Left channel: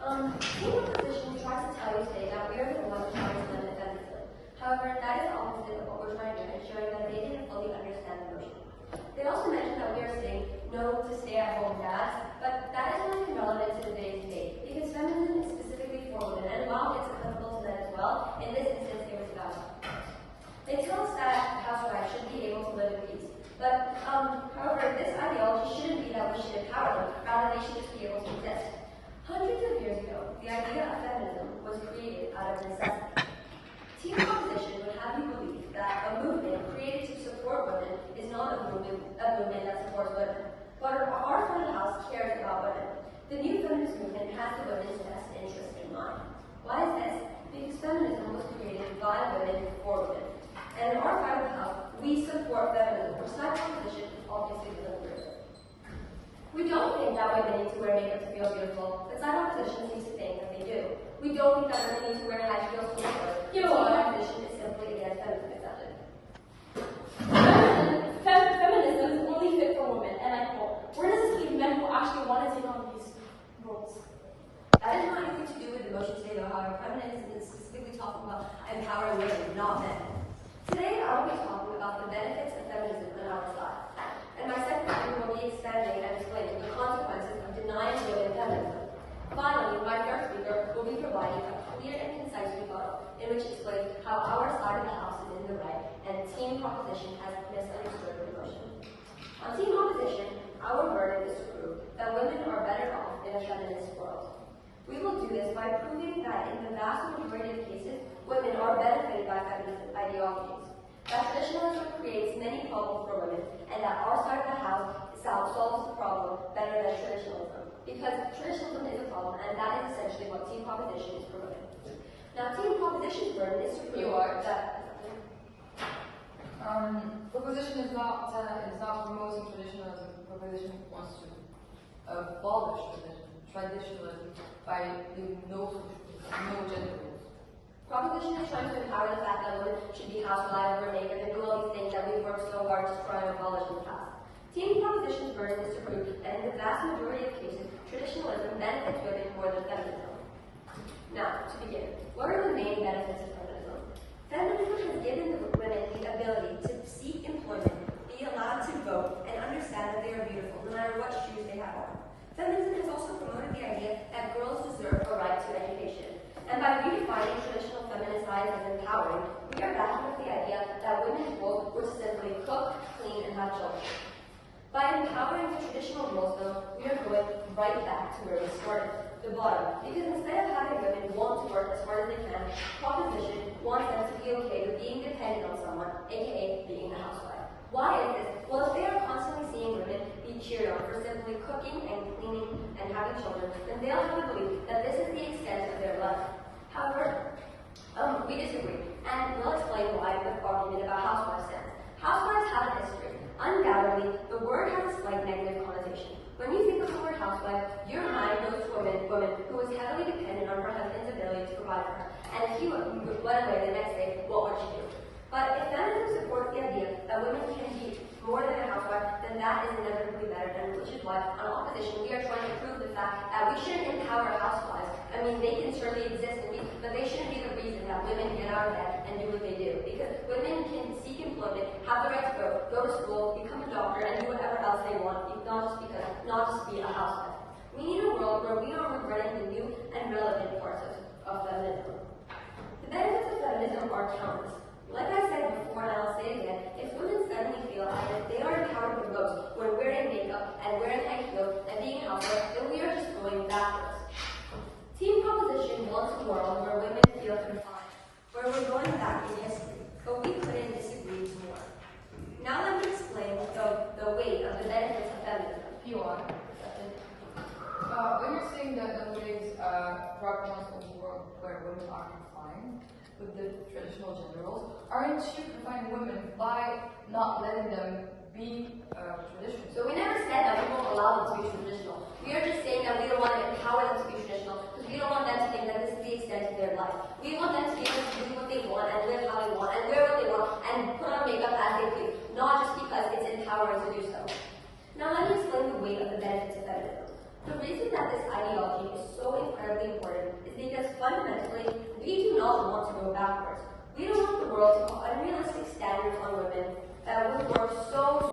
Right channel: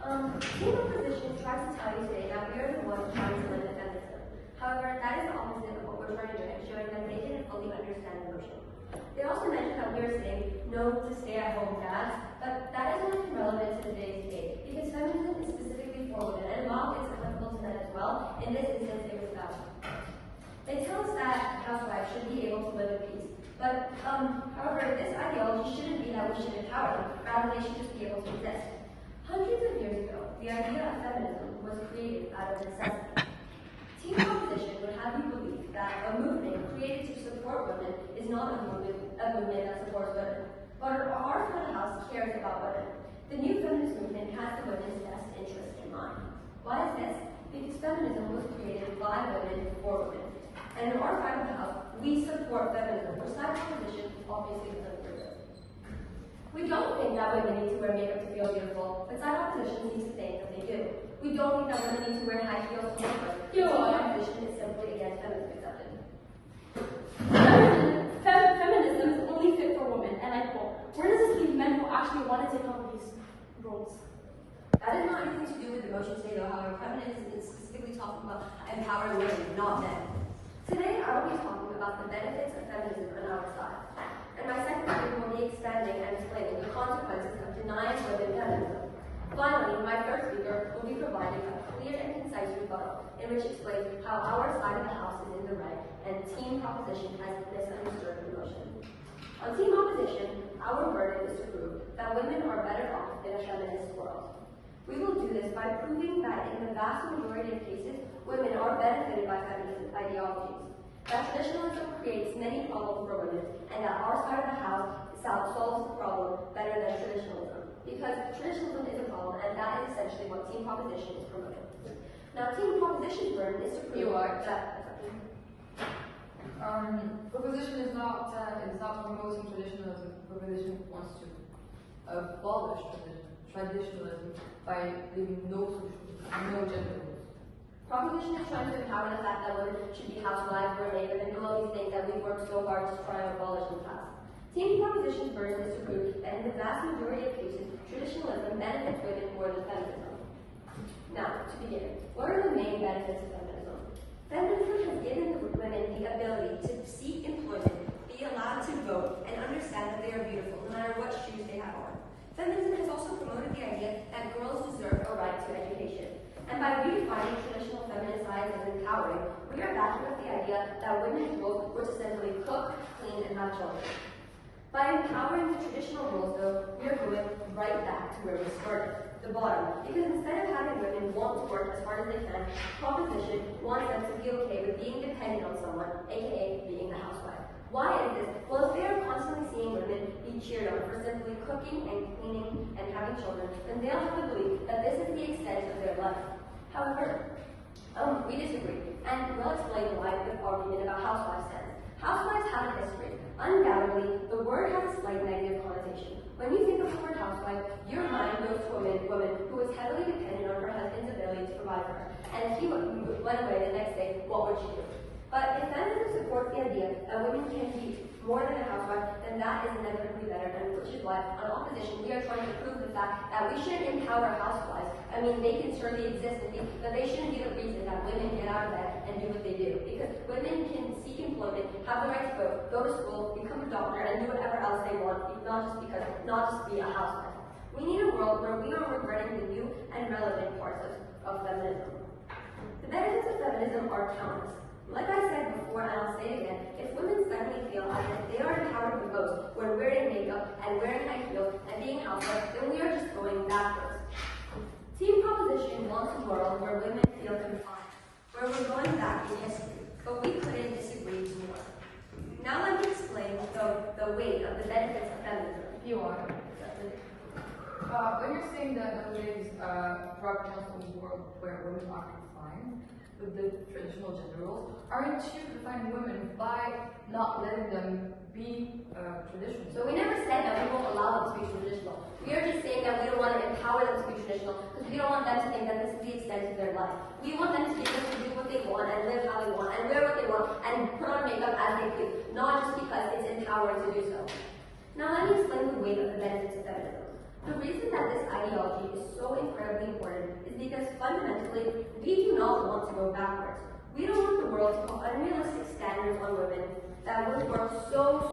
Team opposition tries to tell you today that we are the ones trying to limit feminism. However, that is the opposite of what we're trying to do and showing that they didn't fully understand the motion. They also mentioned that we are saying no to stay-at-home dads, but that is only relevant to today's debate because feminism is specifically for women, and while it's applicable to men as well, in this instance it was valid. They tell us that housewives should be able to live in peace. But, however, this ideology shouldn't be that we should empower them, rather they should just be able to exist. Hundreds of years ago, the idea of feminism was created out of necessity. Team opposition would have you believe that a movement created to support women is not a movement that supports women. But our front of the house cares about women. The new feminist movement has the women's best interest in mind. Why is this? Because feminism was created by women for women. And in our side of the house, we support feminism, or side opposition obviously doesn't agree with it. We don't think that women need to wear makeup to feel beautiful, but side opposition seems to think that they do. We don't think that women need to wear high heels to look good. Side opposition is simply against feminism accepted. Feminism is only fit for women, and I quote, where does this leave men who actually want to take on these roles? That has nothing to do with the motion today, though, however, feminism is specifically talking about empowering women, not men. Today, I will be talking about the benefits of feminism on our side. And my second speaker will be expanding and explaining the consequences of denying women feminism. Finally, my third speaker will be providing a clear and concise rebuttal in which explains how our side of the house is in the right and team opposition has misunderstood the motion. On team opposition, our verdict is to prove that women are better off in a feminist world. We will do this by proving that in the vast majority of cases, women are benefited by feminist ideologies, that traditionalism creates many problems for women, and that our side of the house solves the problem better than traditionalism, because traditionalism is a problem, and that is essentially what team proposition is promoting. Now, team proposition's burden is to prove that proposition is not promoting traditionalism. Proposition wants to abolish traditionalism by leaving no gender roles. Proposition is trying to empower the fact that women should be housewives, homemakers, and do all these things that we've worked so hard to try and abolish in the past. Team proposition's burden is to prove that in the vast majority of cases, traditionalism benefits women more than feminism. Now, to begin, what are the main benefits of feminism? Feminism has given women the ability to seek employment, be allowed to vote, and understand that they are beautiful, no matter what shoes they have on. Feminism has also promoted the idea that girls deserve a right to education. And by redefining traditional feminist ideas as empowering, we are backing up the idea that women's roles were to simply cook, clean, and have children. By empowering the traditional roles, though, we are going right back to where we started, the bottom. Because instead of having women want to work as hard as they can, proposition wants them to be okay with being dependent on someone, aka being a housewife. Why is this? Well, if they are constantly seeing women be cheered on for simply cooking and cleaning and having children, then they'll have to believe that this is the extent of their life. However, we disagree, and we'll explain why the argument about housewives stands. Housewives have a history. Undoubtedly, the word has a slight negative connotation. When you think of the word housewife, your mind goes to a woman who was heavily dependent on her husband's ability to provide for her. And if he went away the next day, what would she do? But if feminism supports the idea that women can be more than a housewife, then that is inevitably better, and which is why, on opposition, we are trying to prove the fact that we shouldn't empower housewives. I mean, they can certainly exist and be, but they shouldn't be the reason that women get out of bed and do what they do. Because women can seek employment, have the right to vote, go to school, become a doctor, and do whatever else they want, not just be a housewife. We need a world where we are regretting the new and relevant parts of feminism. The benefits of feminism are countless. Like I said before, and I'll say it again, if women suddenly feel that they are empowered the most when wearing makeup and wearing high heels and being housewives, then we are just going backwards. Team proposition wants a world where women feel confined, where we're going back in history, but we couldn't disagree more. Now let me explain the weight of the benefits of feminism. You are. When you're saying that the ways brought down in the world where women are confined with the traditional gender roles, aren't you confining women by not letting them be traditional? So we never said that we won't allow them to be traditional. We are just saying that we don't want to empower them to be traditional because we don't want them to think that this is the extent of their life. We want them to be able to do what they want and live how they want and wear what they want and put on makeup as they feel, not just because it's empowering to do so. Now let me explain the weight of the benefits of feminism. The reason that this ideology is so incredibly incredibly important is because fundamentally, we do not want to go backwards. We don't want the world to become unrealistic